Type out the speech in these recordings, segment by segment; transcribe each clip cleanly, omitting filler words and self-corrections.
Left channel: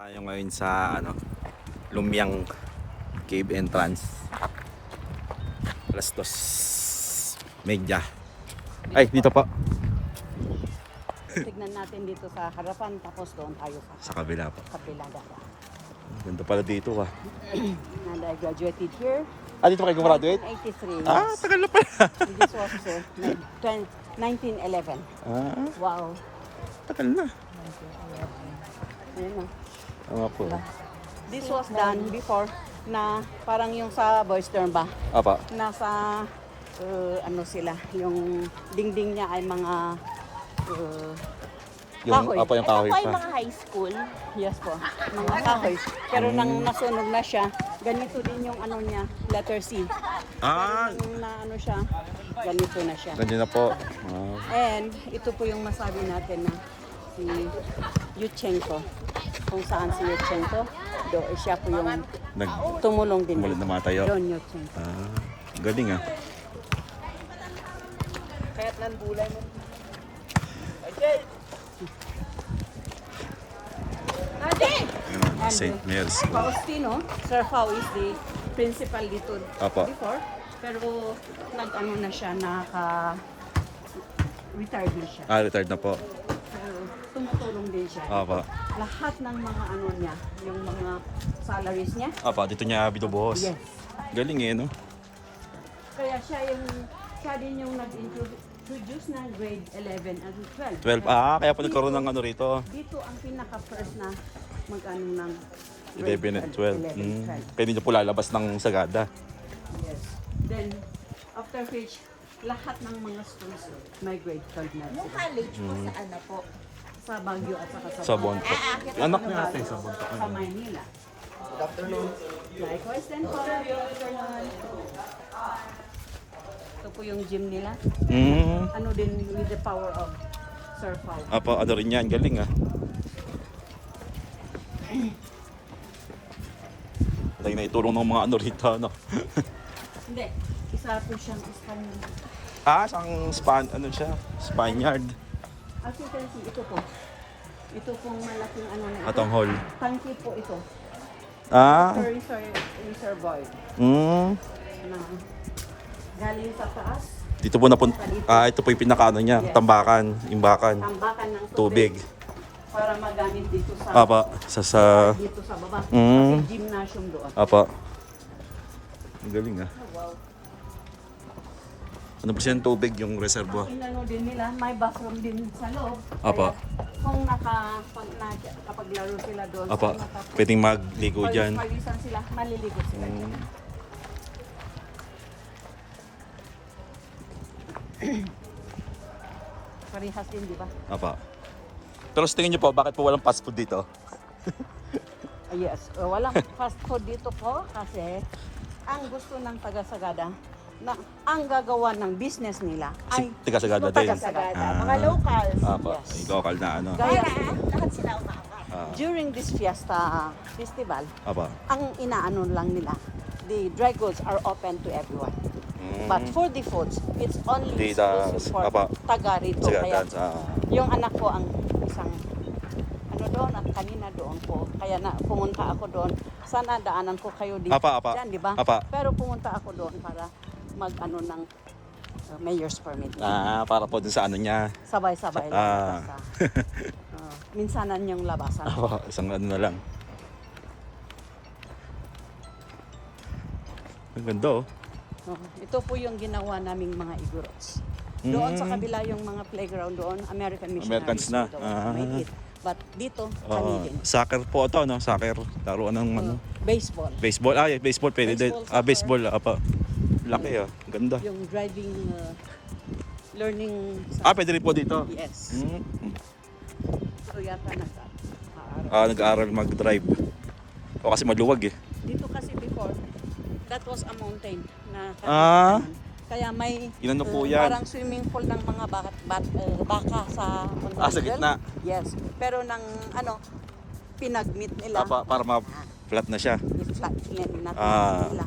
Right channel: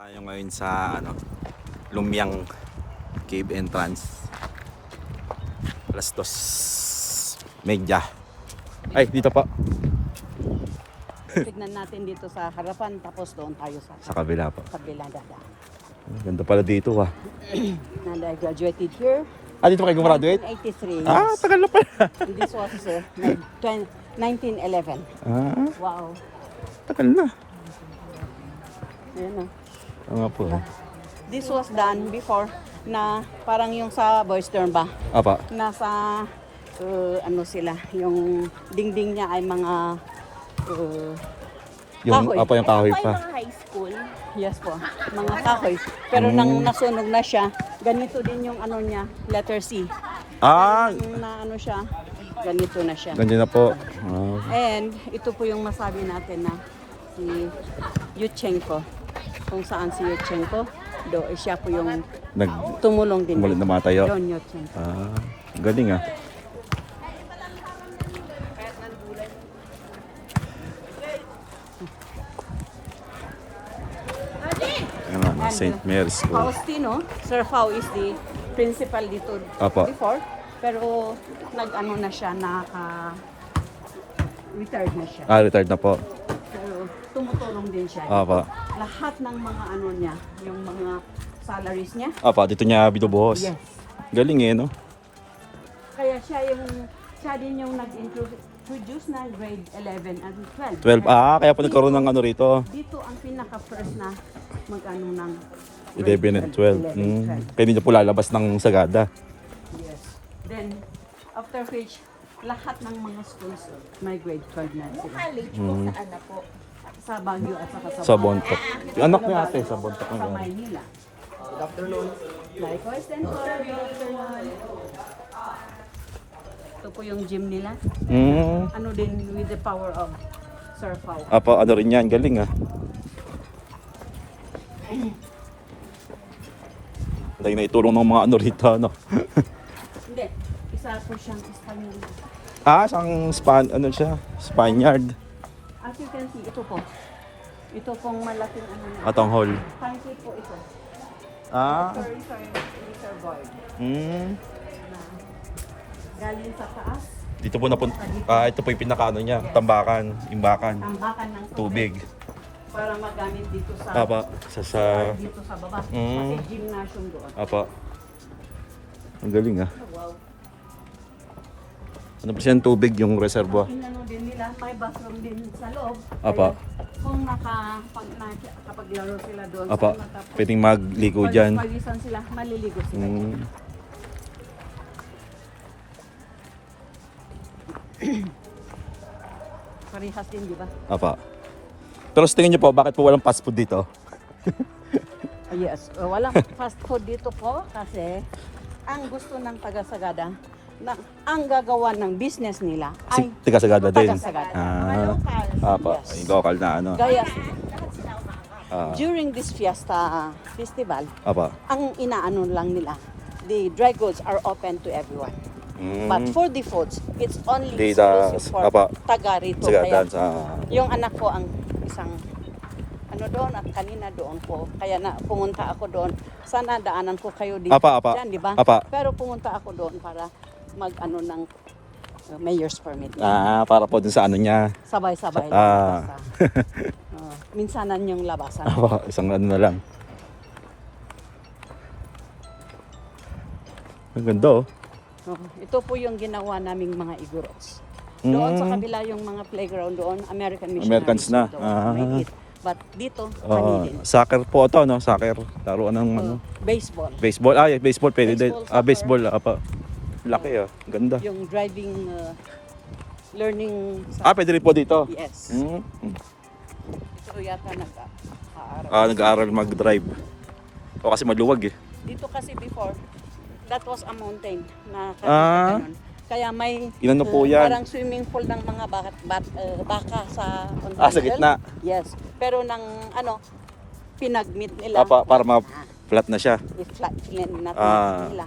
Tayo ngayon sa Lumyang Cave Entrance. Alas 2:30. Ay, dito po. Tignan natin dito sa harapan tapos doon tayo Sa kabila po. kabila dahil. Ganda pala dito ah. And I graduated here Dito kayo gumraduate? 1983. Tagal na pala. This was 1911. Wow. Tagal na. Ayun, Nga po. This was done before na parang yung sa Boys Dorm ba? Apa. Nasa ano sila, yung dingding niya ay mga Yung kahoy. apa yung kahoy pa. Mga high school. Yes po, mga kahoy. Pero nang nasunog na siya, ganito din yung ano niya, letter C. Yung na ano siya, ganito na siya. Ganyan na po. And ito po yung masabi natin na si Yushchenko. Kung saan si Yushchenko, siya po yung tumulong din. Tumulit na matayo. John Yushchenko. Galing ah. St. Mary's School. Faustino, Sir Fau is the principal dito Apo. before. Pero nag-ano na siya, retired na siya. Retired na po. Pero tumutulong din siya. Apa. Lahat ng mga ano niya, yung mga salaries niya. Apa, dito niya binubuhos. Yes. Galing eh, no? Kaya siya din yung nag-introduce na grade 11 at 12. 12. Kaya pa nagkaroon ng ano rito. Dito ang pinaka-first na mag-ano ng 11 and 12. Kaya hindi niya po lalabas ng Sagada. Yes. Then, after which, lahat ng mga schools may grade 12 na sila. College po saan na po? Sa Baguio at saka Sa Bontoc. Yung anak niya ate, sa Bontoc Sa ngayon. Maynila. Likewise, then po, good afternoon. Ito po yung gym nila. Ano din with the power of Sir Fau. Apa, ano rin yan. Galing ah. Tayo na itulong ng mga ano rito, ano. Hindi, isa po siyang Espanyol. Ano siya? Spaniard. As you can see, ito po. Ito pong malaking ano na. Atong hall. Fancy po ito. Sorry, Sir Boy. Na galing sa taas, Dito po napunta. Ito po yung pinakaano niya. Tambakan, imbakan, tambakan ng tubig. para magamit dito sa Apa, sa dito sa baba. Kasi gymnasium doon. Apa. Ang galing ah. Ano pa siya ng tubig yung reservoir? Inano din nila, may bathroom din sa loob. Apa. Kung kapag laro sila doon, Apa. Pwedeng magligo dyan. Palisan sila, maliligo sila. Karihas din, di ba? Apa. Pero sa tingin niyo po, bakit po walang fast food dito? Yes, walang fast food dito po kasi ang gusto ng taga-Sagada na ang gagawa ng business nila ay Tiga Sagada din. taga-Sagada. Mga locals. Apa. Yung local na ano. Gaya, Lahat sila umaangat. during this fiesta festival, Apa. ang inaano lang nila, the dry goods are open to everyone. But for the foods, it's only exclusive for taga rito. Sagada Kaya sa... yung anak ko ang isang ano doon at kanina doon po. Kaya na pumunta ako doon. Sana daanan ko kayo dito. Apa. Dyan, di ba? Apa. Pero pumunta ako doon para mag-ano ng mayor's permit. Para po dun sa ano niya. Sabay-sabay. Minsanan yung labasan. Apa. Isang ano na lang. Ang ganda oh. Ito po yung ginawa naming mga Igorots. Doon sa kabila yung mga playground doon, American missionaries. Americans na. May it. But dito, kami din. Soccer po ito, no? Soccer. Laruan ng ano. Baseball. Baseball. Baseball. Pwede din. Baseball. Apa. Laki ah. Ganda. Yung driving, learning. Pwede rin po dito. Yes. So yata Nag-aaral mag-drive. O kasi maluwag eh. Dito kasi before, that was a mountain. Kaya may Inano po yan? parang swimming pool ng mga baka sa Sa gitna. Yes. Pero nang pinag-meet nila. Para ma-flat na siya. I-flat nila.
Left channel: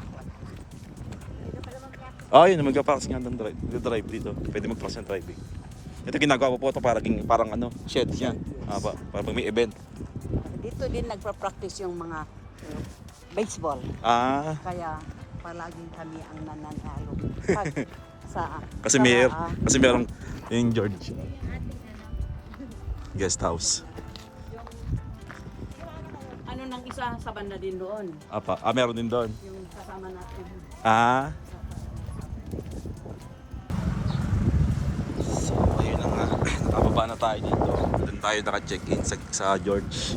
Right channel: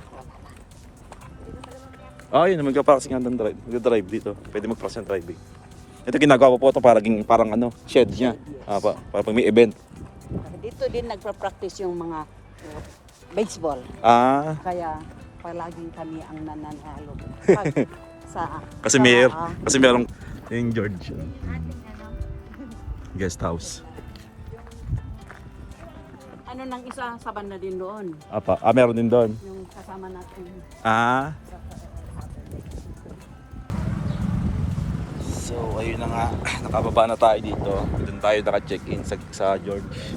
Yun. Mag-practice nga ng drive dito. Pwede mag-practice ng driving. Ito ginagawa po ito parang shed niya. Para pag may event. Dito dito din nagpa-practice yung mga baseball. Ah, Kaya palaging kami ang nananalo. sa kasi merong yung George. Guest house. ano nang isa sa banda din doon. Meron din doon. Yung kasama natin. Ah. So, ayun na nga. Nakababa na tayo dito. Doon tayo naka-check-in sa George.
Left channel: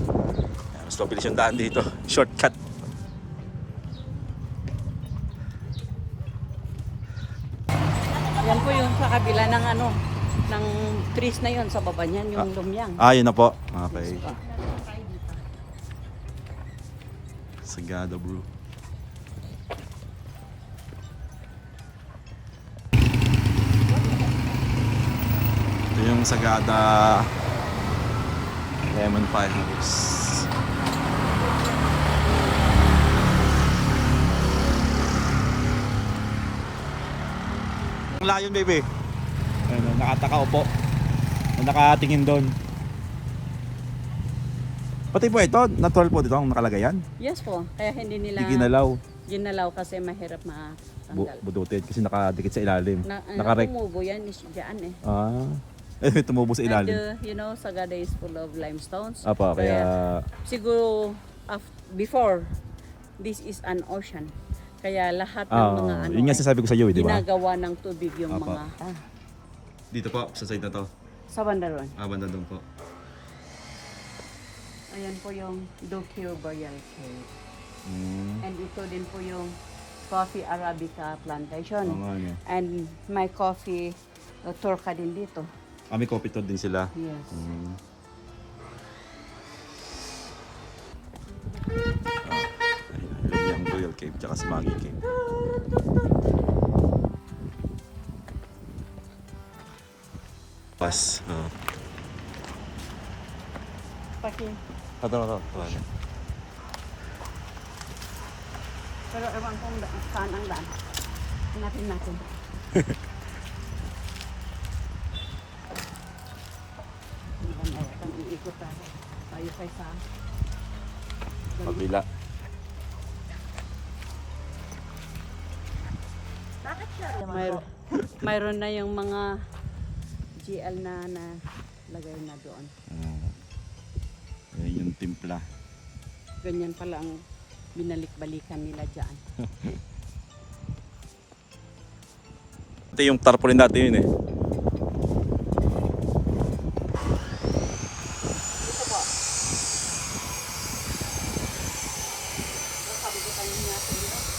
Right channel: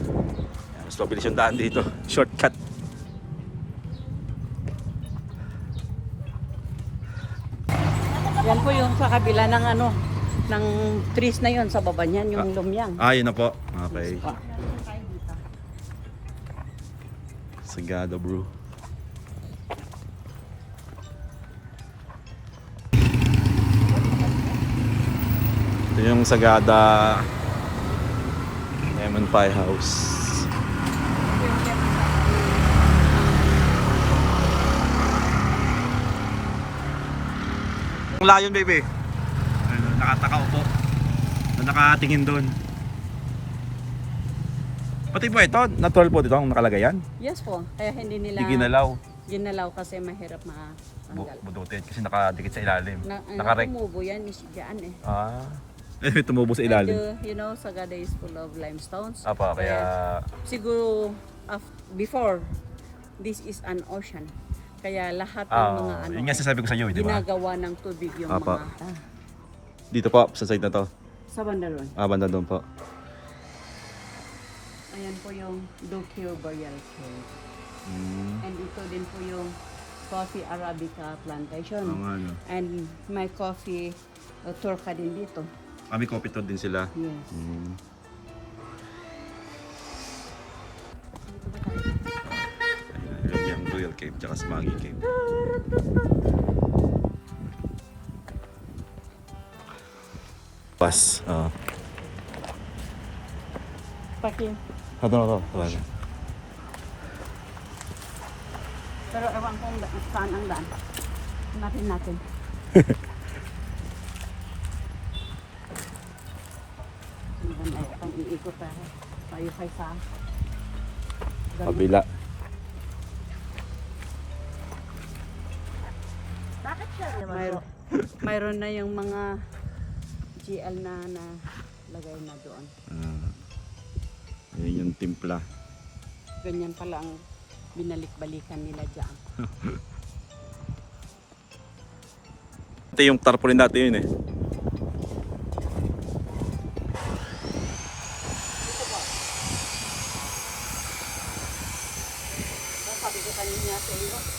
Ayan, mas mabilis yung daan dito. Shortcut. Yan po yung sa kabila ng ano, ng trees na yon sa baba niyan, yung lumyang. Yun na po. Okay. Sagada, bro. Ito yung Sagada Lemon Pie House. Ang layon, baby. Ano, nakataka upo. Nakatingin doon. Pati po ito, natural po dito ang nakalagay yan. Yes po, kaya hindi nila Hindi ginalaw. ginalaw kasi mahirap na tanggal. Budutin kasi nakadikit sa ilalim. Nakarek. Tumubo yan is dyan eh. Tumubo sa ilalim. And, you know, Sagada is full of limestones. Kaya Siguro, before, this is an ocean. Kaya lahat ng mga ano, yun nga sasabi ko sa iyo, di ba? ginagawa ng tubig yung Apa. mga... Dito po, sa side na to. Sa banda ron. Banda doon po. Ayan po yung Dokyo Burial Cave. And ito din po yung Coffee Arabica Plantation. Ano. And may coffee turka din dito. May coffee tour din sila. Yes. Ayun yung Royal Cave, tsaka Smaggy Cave. Pas. Paki. Ito na to. Pero ewan ko saan ang daan. Hanapin natin. Iikot tayo. Tayo sa isa. Kabila. Bakit siya naman po? Mayroon na yung mga GL na lagay na doon. Ayun yung timpla. Ganyan pala ang binalik-balikan nila dyan. Ito yung tarpaulin natin yun eh.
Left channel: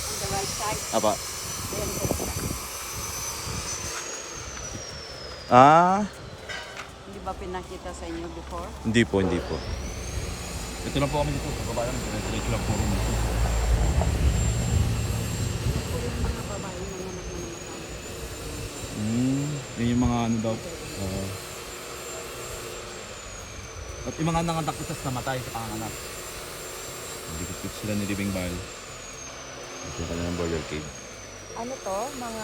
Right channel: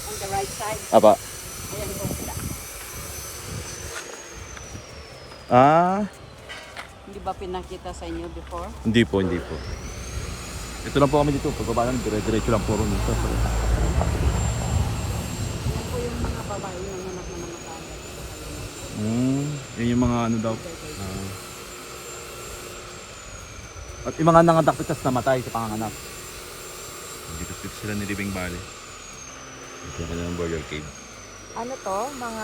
On the right side. Apa. Hindi ba pinakita sa inyo before? Hindi po. Ito lang po kami dito. Pagbaba namin, dire-diretso lang po ron dito. Ito yung mga babae yung anak na namatay. Yun yung mga ano daw. At yung mga nangadakpitas namatay sa panganganak. Dito sila ni Libing Valley. Ito yung kanilang Burial Cave. Ano to? Mga...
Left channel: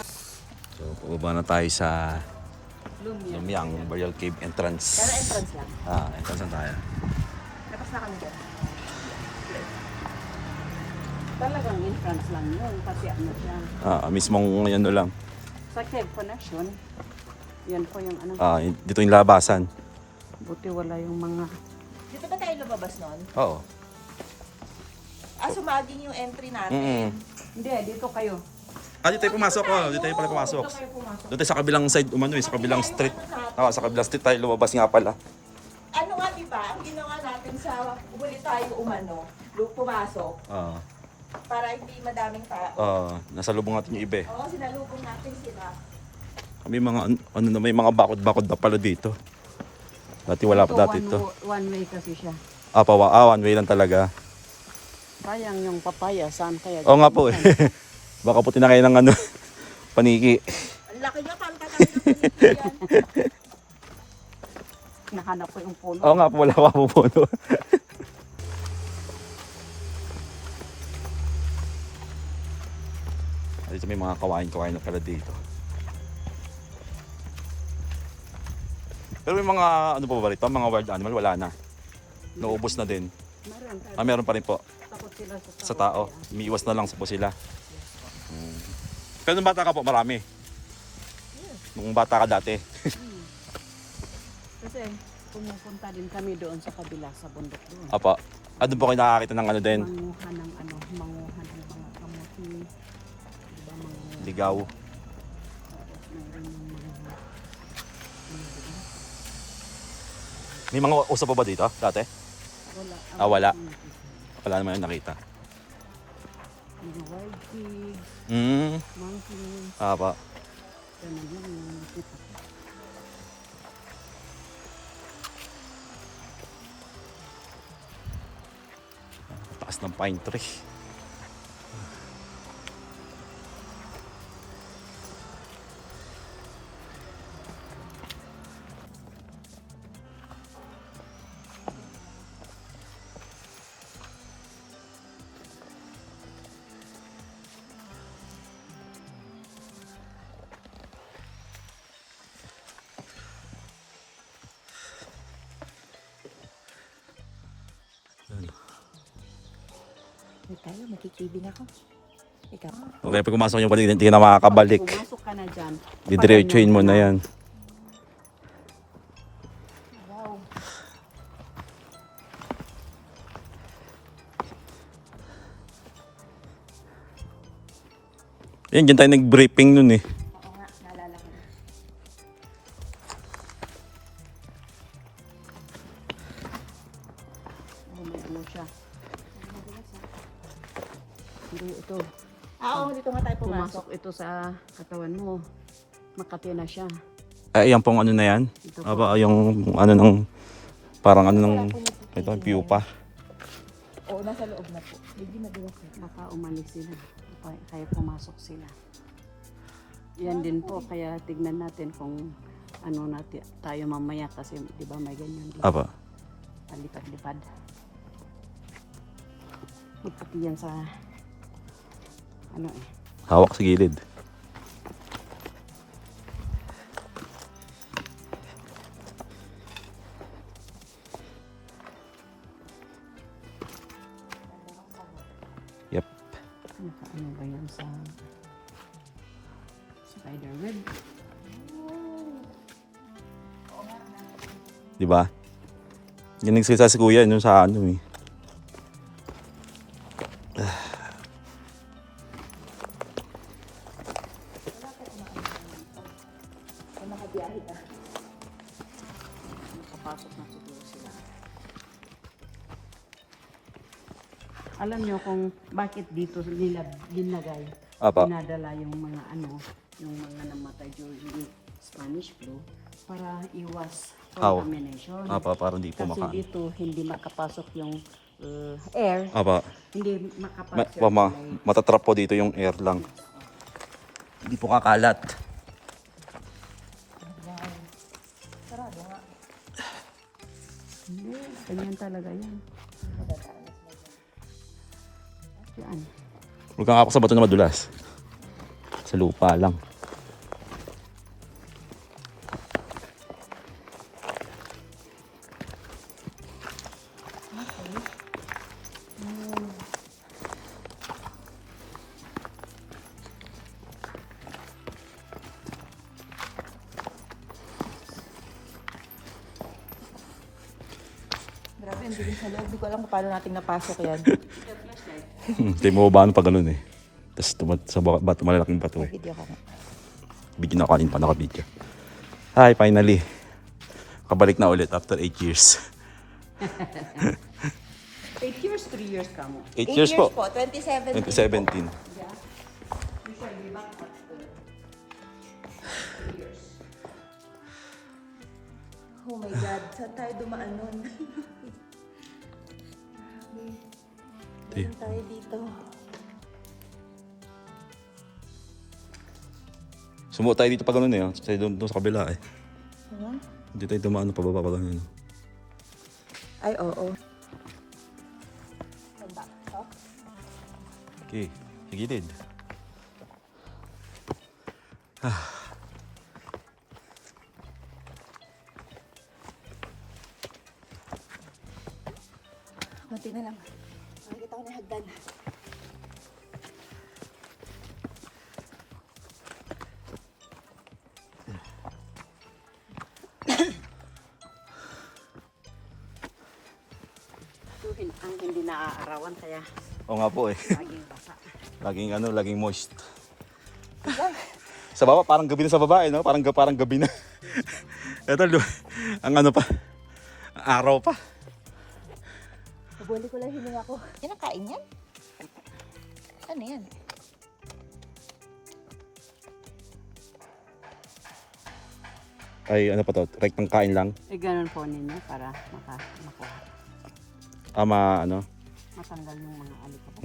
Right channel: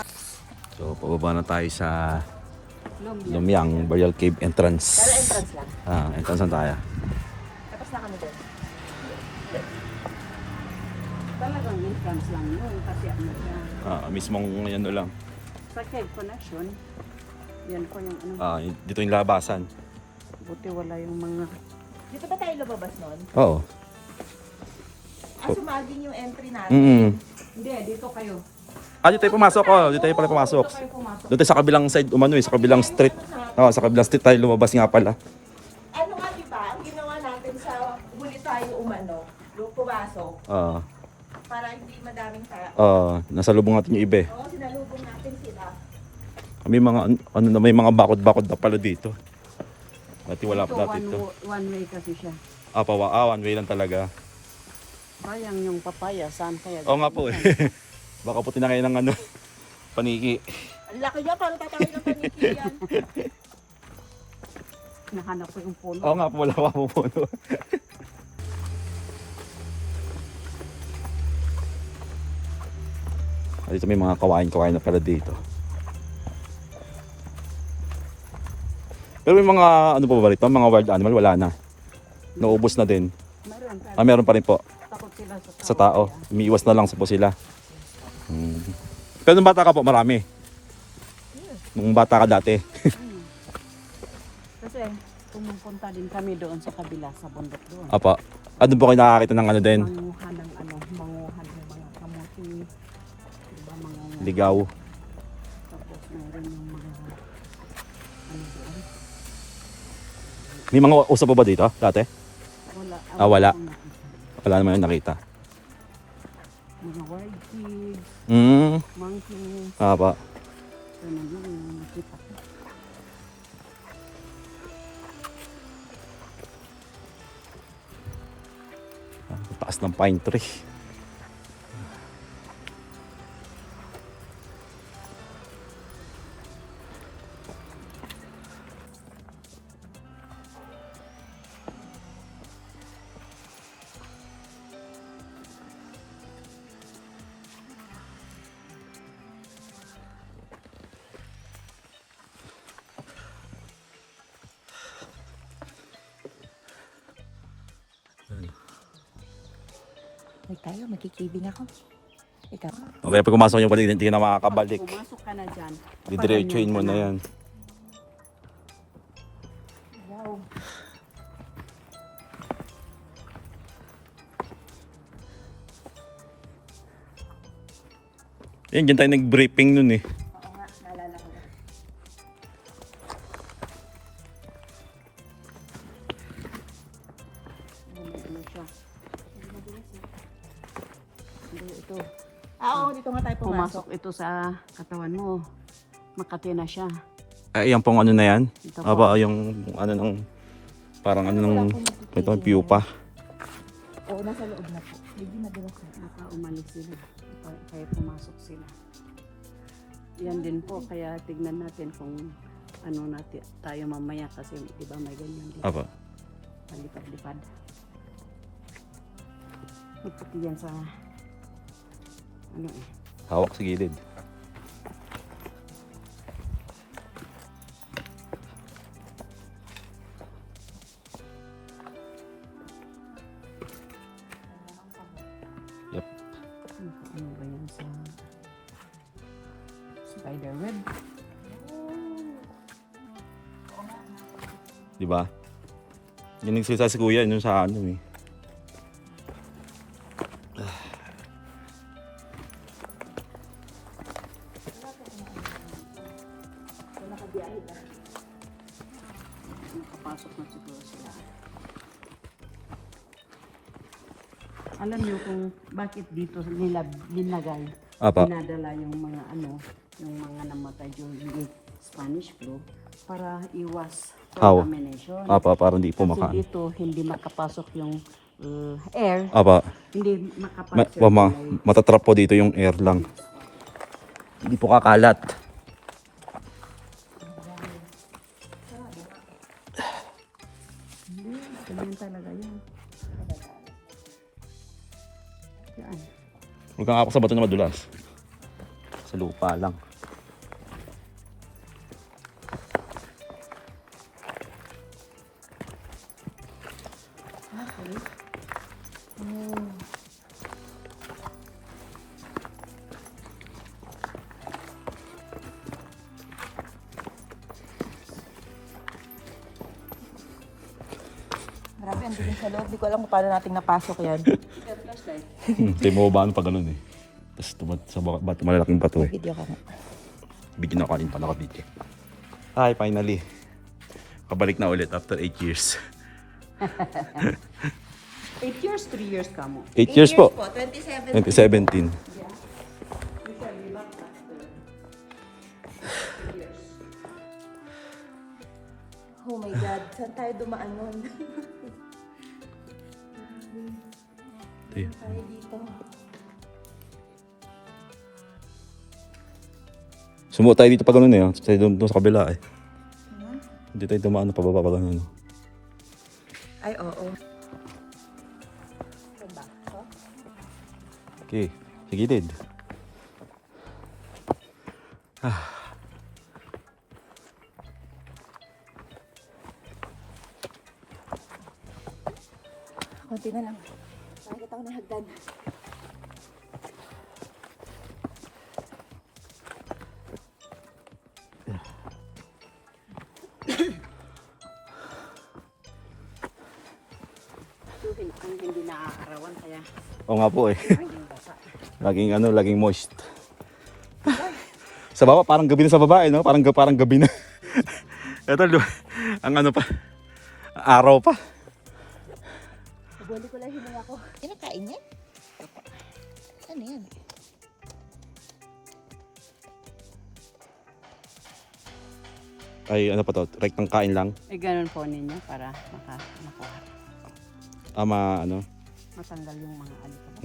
So, pababa na tayo sa Lumyang Burial Cave entrance. Pero entrance lang. Entrance na tayo. Tapos na kami doon. Talagang entrance lang yun kasi ano siya. Mismong ano lang. Sa Cave Connection, yan po yung ano. Dito yung labasan. Buti wala yung mga... Dito ba tayo lumabas noon? Oo. Sumaging yung entry natin. Hindi, dito kayo. Dito tayo pumasok. Dito tayo pala pumasok. Dito kayo pumasok. Doon tayo sa kabilang side, sa kabilang street. Sa kabilang street tayo lumabas nga pala. Ano nga diba, ang ginawa natin sa huli tayo umano, pumasok, para hindi madaming tao. Nasa lubong natin yung iba eh. Oo, sinalubong natin sila. May mga may mga bakod-bakod na pala dito. Dati wala pa dati ito. One way kasi siya. One way lang talaga. Sayang yung papaya, saan kaya? Oo nga po eh. Baka puti na kayo ng paniki. Ang laki niya, parang tatanggapan nito yan. Nahanap ko yung puno. Oo nga po, wala pa po puno. Dito may mga kawain na pala dito. Pero may mga ano pa ba rito? Mga wild animal wala na. Naubos na din. Meron meron. Meron pa rin po. Takot sila Sa tao. Umiiwas na lang po sila. Pero nung bata ka po, marami. Nung bata ka dati. Kasi pumupunta din kami doon sa kabila, sa bundok doon. Apa. Doon po kayo nakakita ng ano din? Manguhan ng manguhan ng kamuti. Ligaw. Tapos mayroon ng mga doon. May mga usap pa ba dito dati? Wala. Wala. akong nakita. Wala naman yung nakita. Mga wild pigs, monkeys. Apa. Ito na yun yung nakita ko. Taas ng pine tree. Ay, tayo, magkikibing ako. Ikaw. Okay, pag pumasok yung balik, hindi na makakabalik. Pumasok ka na dyan. Didiretsuhin mo na yan. Wow. Yan, dyan tayo nag-briefing nun eh. Oo nga, naalala ko na. Ano siya? Hindi ito. Oo, dito nga tayo pumasok. Pumasok ito sa katawan mo. Makati na siya. Yan pong ano na yan. Ito po. Aba, yung ano ng, parang ano ng, ito, pupa. Oo, nasa loob na po. Hindi na doon ako. Baka umalis sila. Kaya pumasok sila. Yan din po. Kaya tignan natin kung ano natin tayo mamaya kasi di ba may ganyan din. Aba. Palipad-lipad. Ipati yan sa ano eh. Hawak sa gilid. Yep. Ano ba yun sa spider web? Di ba? Yung nagsalita si kuya, yun sa ano eh. Nakapasok na siguro sila. Alam nyo kung bakit dito nila binagay, Apa. dinadala yung mga ano, yung mga namatay during Spanish flu para iwas contamination. Apa, parang di Kasi pumakaan. dito hindi makapasok yung air, Apa. hindi makapasok Matatrap po dito yung air lang. Hindi po kakalat. Hindi, ganyan talaga yan. Yan. Huwag kang ako sa bato na madulas. Sa lupa lang. Grabe, ang dilim sa loob. Di ko alam kung paano natin napasok yan. Tayo mo ba pa ganun eh. Tapos sa bato, malalaking bato eh. Video ka na. Bigyan ako kanina pa naka-video. Hi, finally. Kabalik na ulit after 8 years. 8 years, 3 years ka mo. 8 years po. 2017. 2017. Yeah. Usually back after 3 years. Oh my God, saan tayo dumaan nun? Tayo. Tayo dito. Sumuot tayo dito pa ganun eh. Tayo doon sa kabila eh. Ano? Hindi tayo dumaan pababa pa ganun. Ay, oo. Saan ba? Ito? Okay, sa gilid. Ako Kunti na lang. Nakikita ko na hagdan. Ito ang hindi naaarawan kaya Oo nga po eh. laging basa. Laging moist. Sa baba, parang gabi na sa baba, no? Parang gabi na. Ito, ang ano pa, araw pa. Nabuli ko lang hininga ko. Kinakain yan? Ano yan? Ay, ano pa to? Rektang kain lang. Eh, ganun po ninyo para makuha. Ano? Matanggal yung mga alikabok.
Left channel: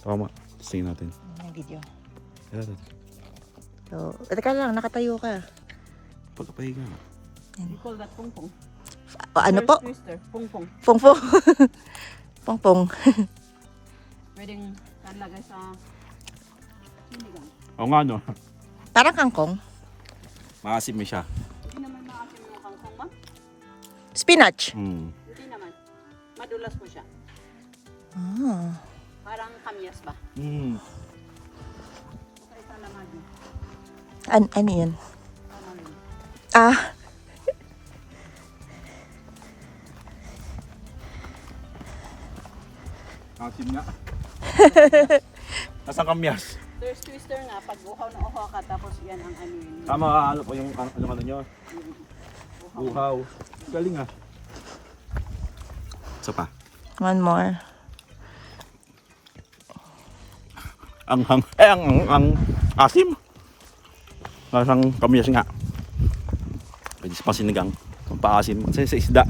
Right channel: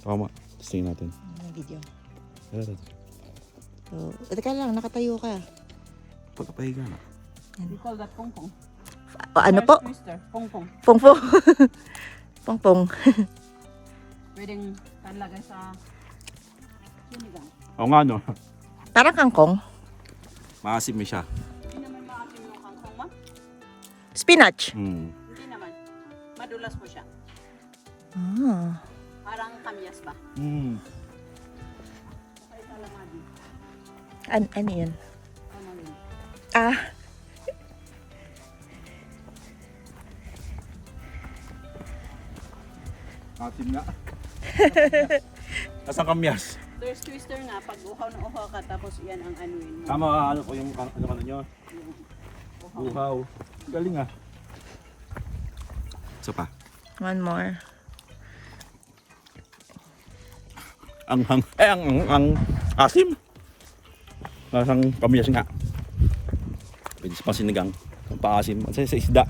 Tama. Tingin natin. Ano yung video? Ito. So, teka lang, nakatayo ka. Pagkapahiga na. We call that pongpong. Ano po? Twister, pongpong. Pongpong. Pongpong. Pwedeng talagay sa sinigang. Oo nga, no? Parang kangkong. Maasim siya. Hindi naman maasim yung kangkong, ma'am. Spinach. Hindi naman. Madulas po siya. Ah. Parang kamyas ba? Okay, salamagi. Ano yan? Tamarind. Ah. Maasim nga. Nasang kamyas. There's twister nga, pag uhaw na uhaw ka, tapos yan ang ano yun. Tama, ano po yung ano nyo? Uhaw. Galing ah. Isa pa. One more. Ang asim. Nasang kamyas nga. Pwede sa sinigang. Ang paasim. Kasi sa isda.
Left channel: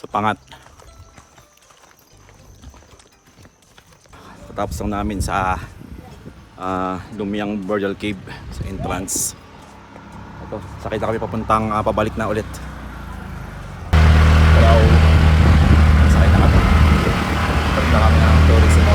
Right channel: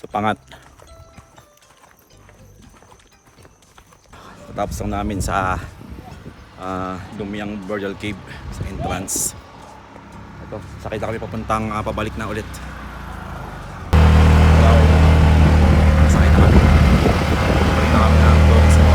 Sa pangat. Tapos lang namin sa Lumiang Burial Cave sa entrance. Ito, sakay na kami papuntang pabalik na ulit. Hello. Sakay na kami. Balik na kami ng tourism